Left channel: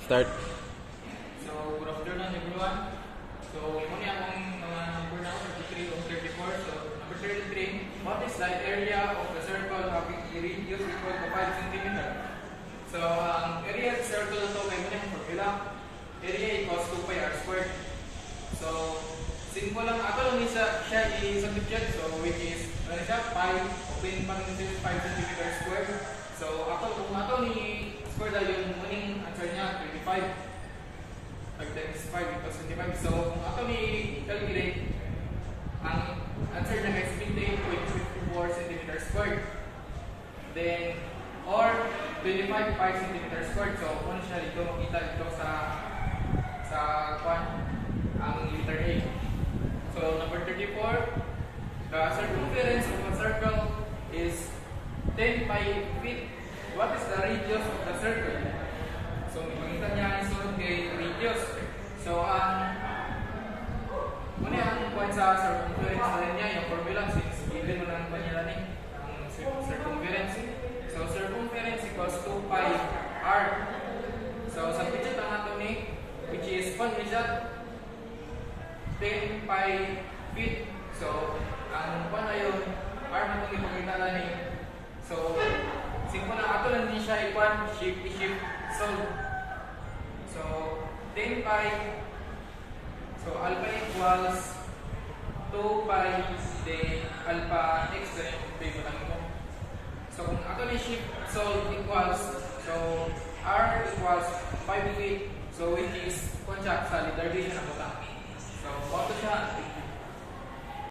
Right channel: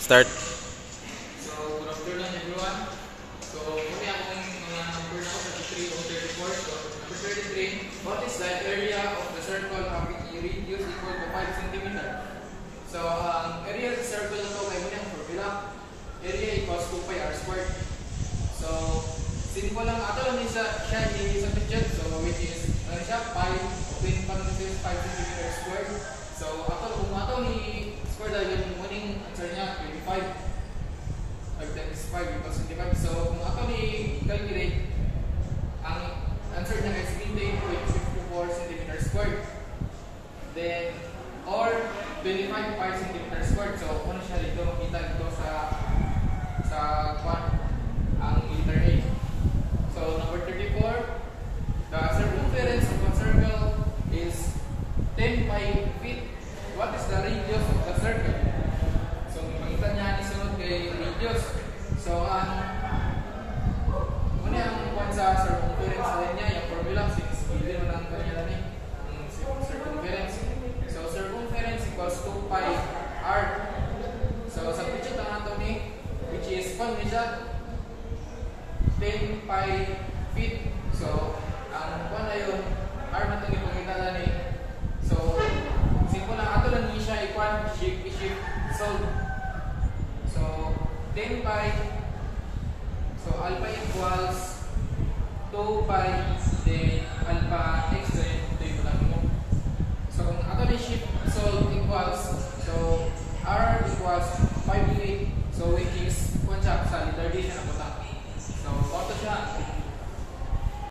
Start. So, good afternoon everyone. So, muna akong mga number na ako 33 o 34. So, number 33, what is the area of the circle having a radius equal to 5 cm? So, ang area of the circle na ito, may muna yung formula. Area equals 2 pi r squared. So, simple lang. Ato lang siya i-substitute. So, which is, ano siya, pi, opening parenthesis, 5 cm squared. So, kung ato ni square dahil yung morning answer niya, 25. 5 times 5 equals 25. So, kung ato ni calculate, ang answer niya is 28.54 cm squared. Then, or 25 pi cm squared. So, kung siya dito, makita dito sa ang letter A. So, number 34, the circumference of a circle is 10 pi feet. What is the radius of the circle? So, makikita niya ni sunod kay radius. So, muna ang point sa circumference sa linya, yung formula, since given mo ng panyalan ang circumference. So, circumference equals 2 pi r. So, substitute ang ato ni, which is, kung siya, 10 pi feet. So, ang kung na yun, r man itong ipagkita ni. So, simple lang, ato lang din siya i-shift, solve. So, 10 pi, so alpha equals 2 pi, then alpha x, so ito yung lang mo. So, kung ato lang shift solve equals, so r equals 5 unit, so which is, kung siya sa